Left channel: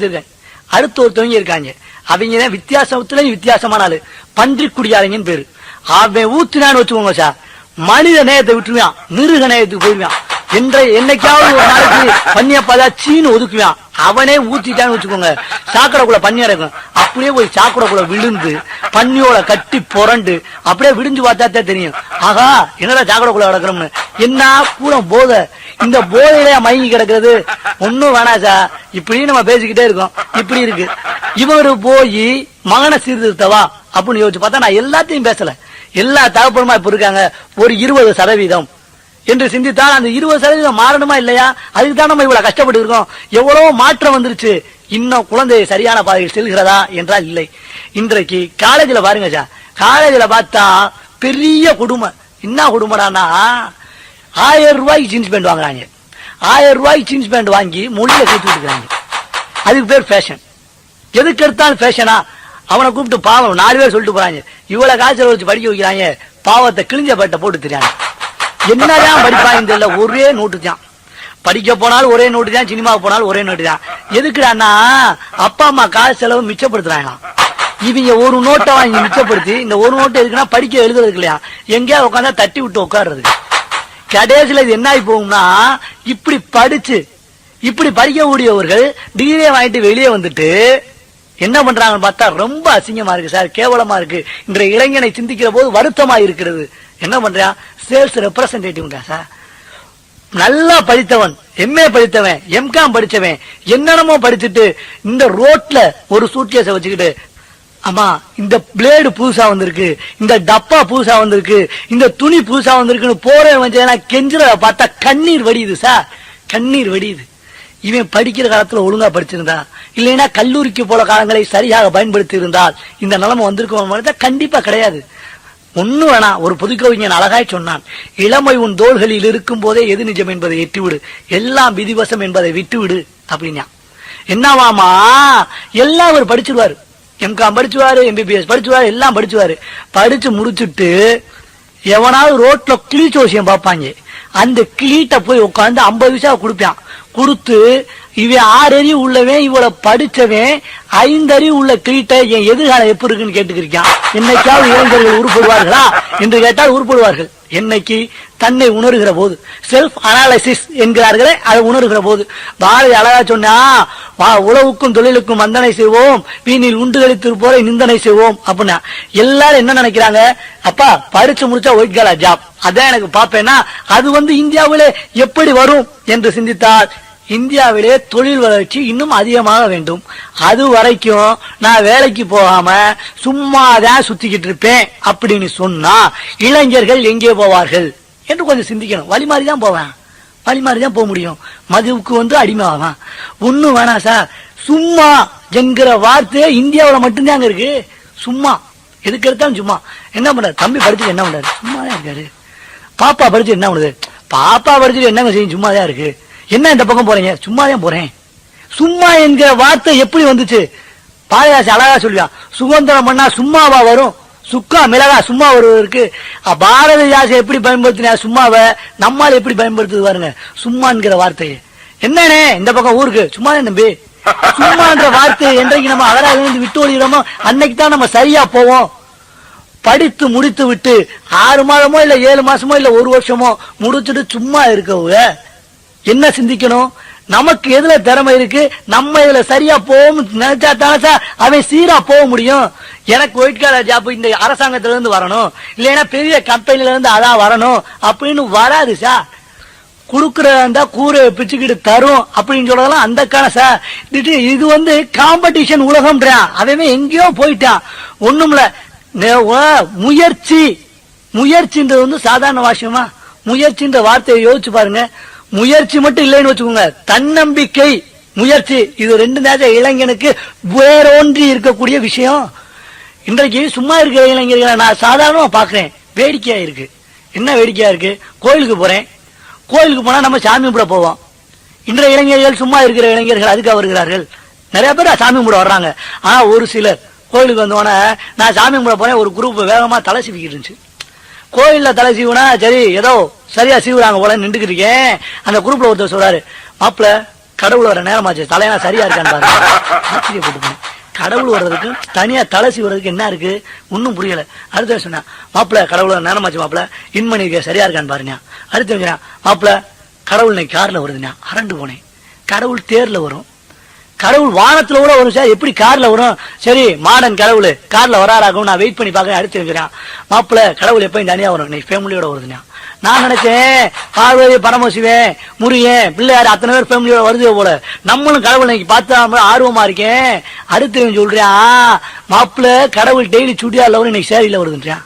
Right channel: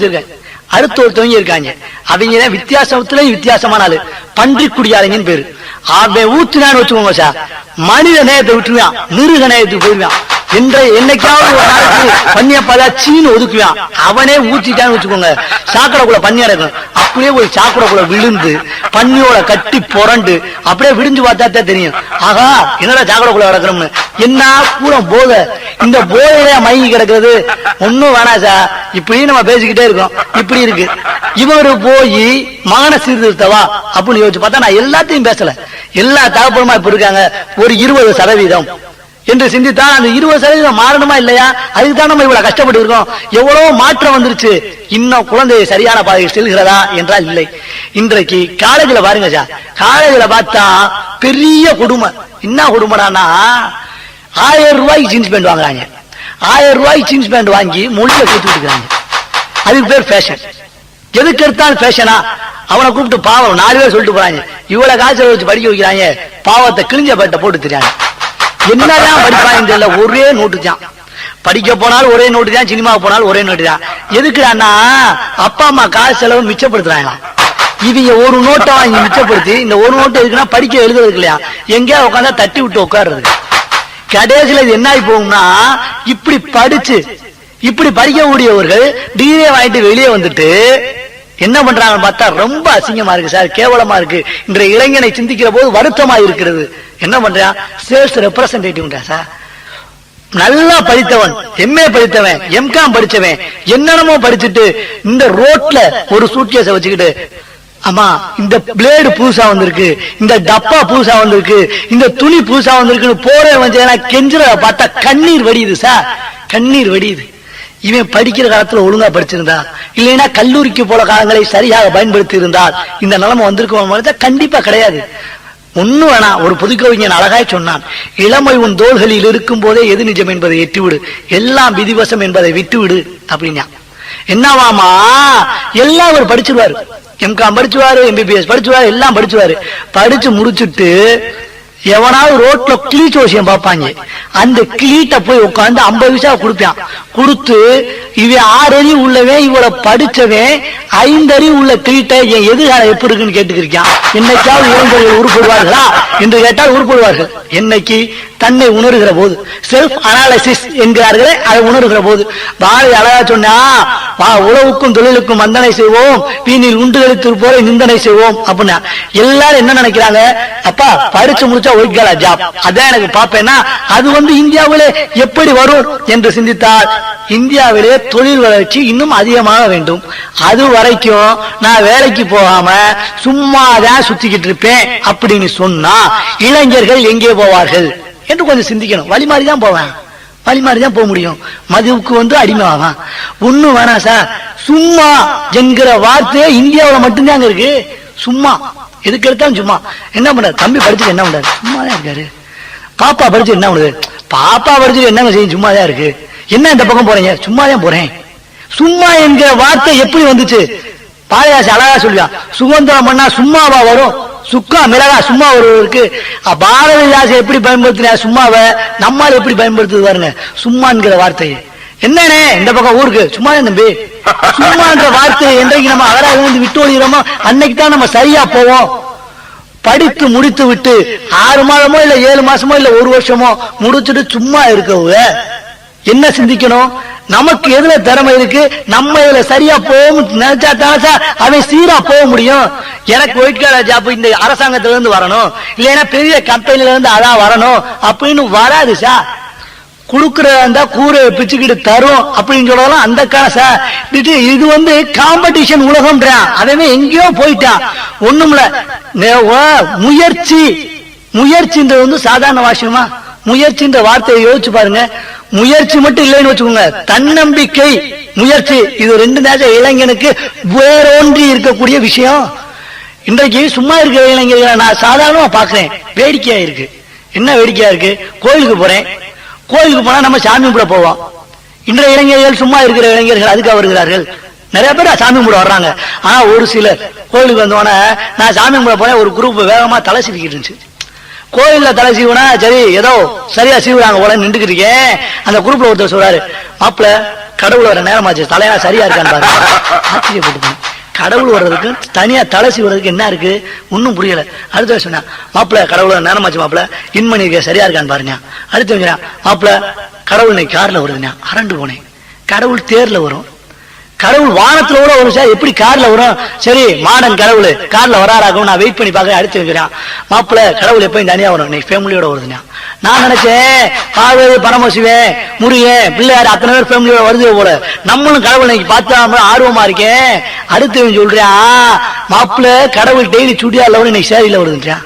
அடுத்து ஒருத்தவங்க இருக்காங்க. அவங்க வித்தியாசத்துல வித்தியாசமான ஆளு, பன்றி குடியாளங்கன்னு பேரு. அவன் ஊத்துனான்னு வச்சுக்கோங்க சார், மனித நேயத்தை விட்டுருவான், மிருக நேயத்துக்கு போயிருவான். என்னைக்காவது ஒரு நாளைக்கு பண்ணிய பார்த்தா சீனு ஒதுக்குவான். அவனே ஊத்திட்டான்னு வச்சுக்கோங்க, சாக்கடைக்குள்ள பண்ணி அடக்கும். அப்படியே போய் சாக்கடைக்குள்ள விழுந்து பண்ணியோட கட்டி புரண்டு அப்படியே விடிஞ்சு பார்த்தா தெரியும், ஆகா என்னடா சாக்கடைக்குள்ள கிடக்குறோம்னு. என்ன கூட போதை, இந்த போதையில மயங்கி கிடக்குறது. ஒன்னும் வேணாம் சார், இப்படி நம்ம பேசிக்கிட்டே இருக்கோம். இப்படி இருக்கு இவரு போய் மான சீர்திருத்தவா அப்படின்னு யோசிச்சு பார்த்தா நான் எல்லாத்தையும் பேசல. எல்லா தகப்பனுமா இப்ப இருக்காங்க ஒரு 20% என்று சிந்தித்தா அந்த 20% மாறணுமா இல்லையா? அதுக்குதான் நம்ம இவ்வளவு கஷ்டப்பட்டு இருக்கோம். எவ்வளவு மாற்றம் வந்துருச்சு, இன்னும் குழந்தை சரியான பாதையில் செல்கிறதா என்றால் இல்லை. இன்றைக்கு காலேஜ்ல பாருங்க சார், காலேஜ்ல பார்த்தா பெரிய குடும்பம். என்ன குடும்பம்னா 1000 ரூபாய்க்கு ஜீன்ஸ் பேண்ட் வாங்குறாங்க. 1000 ரூபாய்க்கு ஜீன்ஸ் பேண்ட் வாங்கி மொழியில கொடுத்துட்டு இருக்காங்க. அதுக்கு பேர் ஃபேஷன். எதுக்கு எடுத்தாலும் ஃபேஷனா? அவனை கூப்பிட்டு பாவம் 4 பேர் சொல்லிட்டு போறாங்க, இவ்வளவு காய்ச்சல் வச்சு படிக்க வைக்கிறாங்க, பாவத்தை கிழிஞ்ச பேட்டை போட்டு தெரியாங்க. என்னதான் படிப்பாங்க தெரியல, ஒரே நோட்டு தான். படிக்க போனாலும் ஒரே நோட்டு தான், சினிமாவுக்கு போனாலும் ஒரே நோட்டு தான். எதுக்குன்னா அப்பா அம்மா காசு செலவு மிச்சப்படுத்துறாங்க. இவங்க ஒரு நோட்டை வாங்கி மிச்சப்படுத்தி, இந்த ஒரு நோட்டை எதுக்குன்னா படிக்க எழுதுறதுக்கு இல்லையா, எங்கேயா உட்காந்தா தட்டி விட்டு உட்கார்றதுக்கு. கடைசியில இது என்ன ஆகி போகும்னா, இப்படி படிச்சு இப்படி படிக்கக்கூடியவர்கள் டிகிரி வாங்கிட்டு வெளியே வந்துட்டு என்ன பண்றாங்க பார்த்தா ரொம்ப அசிங்கமா இருக்கு சார், கேவலமா இருக்கு. இன்றைய இளைஞனை சிந்திக்கிற போது வருத்தமா இருக்கிறது. என்ன பண்றான், சேல்ஸ் ரெப்ரசன்டேட்டிவ் சார், நல்லா படித்தவன், எம்ஏ படித்தவன், எம்காம் படிச்சவன், என்னென்னமோ படிச்சுட்டு இந்த ரோட்ல ஒரு சூட்கேஸை வச்சுக்கிட்டு, ஆமா இந்த பிளேடு புதுசா வந்திருக்கு, இந்த டப்பா புதுசா வந்திருக்கு, இந்த துணி புதுசா வந்திருக்குன்னு போற கெஞ்சுற பார்த்தா கண்ணீர் வடியுது சார், கண்ணீர் வடியுது. இவன் படிக்கிற காலத்துல ஒழுங்கா படிச்சிருந்தா, இல்லைன்னா கல்லூரிக்கு போல காலங்களை சரியாக பயன்படுத்தி இருந்தால் இந்த நிலைமை வந்திருக்க கண்டிப்பா கிடையாது. ஒன்னும் வேணாம், ஒரு புதுக்கவிஞன் அழகாய் சொன்னான், இளமை உன் தோள்களில் இருக்கும் போதே எது நிஜம் என்பதை எட்டிவிடு, எல்லாம் விதிவசம் என்பதை விட்டுவிடு அப்படின்னா. என்னவாமா எல்லாம் அவர் படிச்சுவாரு, எம்காம் படிச்சுவாரு, எம்பிபிஎஸ் படிச்சுவாரு, எல்லாம் படிச்சுவாரு. படிச்சு முடிச்சுட்டு எவனாவது ரோட்ல கிளீச்ச விஷயம் பார்ப்பாங்க, அந்த கிளீட்ட போய் உட்காந்து 50 பைசா கொடுப்பான். கொடுத்து இவன் 6 அறிவு உள்ளவன், இவ்வளவு படிச்சவன் 5 அறிவு உள்ள கிளீட்ட என் எதிர்காலம் எப்படி இருக்குன்னு கேட்டுக்கிறியான். என்னைக்காவது இளைஞர்கள் உருப்படுவார்களா என்று கேட்டால் உருப்படுவார்கள். என்னைக்கு தன்னை உணர்கிற போது, செல்ஃப் அனாலிசிஸ் என்கிறார்களே, அதை உணர்கிற போது. பாரதி அழகா சொன்னா, உழவுக்கும் தொழிலுக்கும் வந்தனை செய்வோம், வீணில் உண்டுகளித்து போரை நிந்தனை செய்வோம் அப்படின்னா. எல்லாரும் என்ன நினைக்கிறாங்க, அப்பா படிச்சு முடிச்சா ஒய்கலா ஜாப், அதான் எனக்கு பாப்பேன்னா அது இந்தியாவிலே எப்படி வரும் என்று சிந்தித்தால், இந்தியாவிலே தொழில் வளர்ச்சி இன்னும் அதிகமாக வேண்டும். அது வரைக்கும் நான் வேலைக்கு போகாம சும்மாதான் சுத்திக்கிட்டு இருப்பேன் அப்படின்னு சொன்னா இளைஞர்கள் எங்கே போவார்கள் என்று கொஞ்சம் சிந்திக்கணும். வழி மாதிரிதான் போவேன், வழி மாதிரிதான் போக முடியும். மதுவுக்கு அடிமை ஆவான். ஒண்ணும் வேணாம் சார், சும்மா என்கிற வார்த்தை இந்தியாவில மட்டும்தான் இருக்கு. சும்மா எதுக்கு எடுத்தாலும் சும்மா. என்ன பண்ற தம்பி படிச்சுட்டு என்ன பண்றாரு, சும்மாதான் இருக்காரு. பாப்பா படிச்சு என்ன பண்ணுது, பாப்பா படிச்சுட்டு என்னங்க செய்யும், சும்மாதான் இருக்கு. என்ன இந்த பக்கம் போறீங்க, சும்மாதான் போறேன். சும்மா என்கிற வார்த்தை எப்படி வந்துச்சு? பாரதிதாசன் அழகா சொல்லியா, சுதந்திரம் பண்ணா சும்மாவா வரும், சுக்கா மிளகா சும்மா ஒருவருக்கு. பாரதிதாசன் எப்படி பயன்படுத்தினா சும்மாவை, நம்மால் எப்படி பயன்படுத்துது பாருங்க சும்மாங்கிற வார்த்தையை. என்னன்னே இந்த பக்கம் ஊருக்கு சும்மாதான் தம்பி, சும்மான்ற வார்த்தையை என்றைக்கு நம்ம அகராக விட்டு ஒழிகிறோமோ அன்னைக்கு தான் நம்ம சரியா போவோம். படித்து முடித்து விட்டு 6 மாதமோ இல்ல 7 மாசமோ இல்ல 1 வருஷமோ முடிச்சுட்டு சும்மா இருக்கவங்க என்ன சிந்திக்கணும், நமக்கு எதுல திறமை இருக்கு, நம்ம இதுல சரியா போகும் நினைச்சா தாசா அவன் சீரா போக முடியும். எனக்கு ஒயிட் காலர் ஜாப் இந்த அரசாங்கத்துல இருந்து வரணும், இல்லைன்னா பெரிய கம்பெனில இருந்து அதான் வரணும் அப்படின்னு வராது சார். குடுக்கறதா கூரை பிச்சுக்கிட்டு தரும் அப்படின்னு சொல்லலாம் அந்த காசா. இது காம்படிஷன் உலகம்ன்றான், அதவே எங்கேயோ போயிட்டான். ஒண்ணும்ல முயற்சி, முயற்சின்றது சாதாரண விஷயமா? முயற்சின்ற வார்த்தையை யோசிச்சு பாருங்க. முயற்சி மட்டும் இல்லைன்னு வச்சுக்கோங்க, தன்னம்பிக்கை, முயற்சி, இது 2 நேரம் இளைஞனுக்கு வேறொன்றி இருக்கக்கூடிய விஷயம். இன்றைக்கு சும்மா இருக்கிற இளைஞர்களை நான் சாதாரணமா பாக்குறேன், வேடிக்கையா இருக்கு. என்ன வேடிக்கையா இருக்கு, கோயிலுக்கு போறேன், கோயிலுக்கு போனா நம்ம சாமி கும்பிட போவோம். இன்றைய இளைஞர்கள் சும்மா இருக்கிற இளைஞர்கள் அதுக்காக வருகிறார்கள். நிறைய பேர் சாமி கும்பிட வர்றாங்க. ஆனா ஒரு சிலர் கோயிலுக்கு வந்தோடனே நான் சாமி கும்பிட போனேன், ஒரு குரூப் வேகமா தலை சிரிக்கிட்டு இருந்துச்சு. கோயில்ல தலை சீவனா சரி ஏதோ சரியா சீவுறாங்க போல நின்றுக்கிட்டு இருக்கேன். அந்த குரூப்ல ஒருத்தர் சொல்றாரு, மாப்பிள்ள கடவுள் வர நேரமாச்சு, தலையா சரியா இருக்கான்னு பாருங்க. ஆச்சரியப்பட்டு கடவுள் வர்றதுக்கு தனியா தலசி வர்றதுக்கு என்ன இருக்கு ஒன்னும் புரியல. அடுத்த சொன்னா மாப்பிள்ள கடவுள் நேரமாச்சு, மாப்பிள்ள இன்மணி சரியா இருக்கான்னு பாருங்க. அடுத்து மாப்பிள்ள கடவுள் இன்னைக்கு கார்ல வருதுண்ணா. அரண்டு போனேன். கடவுள் தேர்ல வரும், கடவுள் வானத்துல கூட வரும் சார், எப்படி கார்ல வரும்? சரி மாடன் கடவுள் கார்ல வராராகும், நான் வெயிட் பண்ணி பாக்க. அடுத்து வைக்கிறான் மாப்பிள்ள கடவுள் எப்பயும் தனியா வரும், இன்னைக்கு ஃபேமிலியோட வருதுண்ணா. நான் நினைச்சேன் பார்வதி பரமசிவன் முருகன் பிள்ளையார் அத்தனை பேர் ஃபேமிலியோட வருது போல, நம்மளும் கடவுள் இன்னைக்கு பார்த்தா ஆர்வமா இருக்கேன். அடுத்து சொல்றேன் மாப்பிள்ள கடவுள் டெய்லி சுடியா இல்ல இன்னைக்கு சேரியில வருதுன்றான்.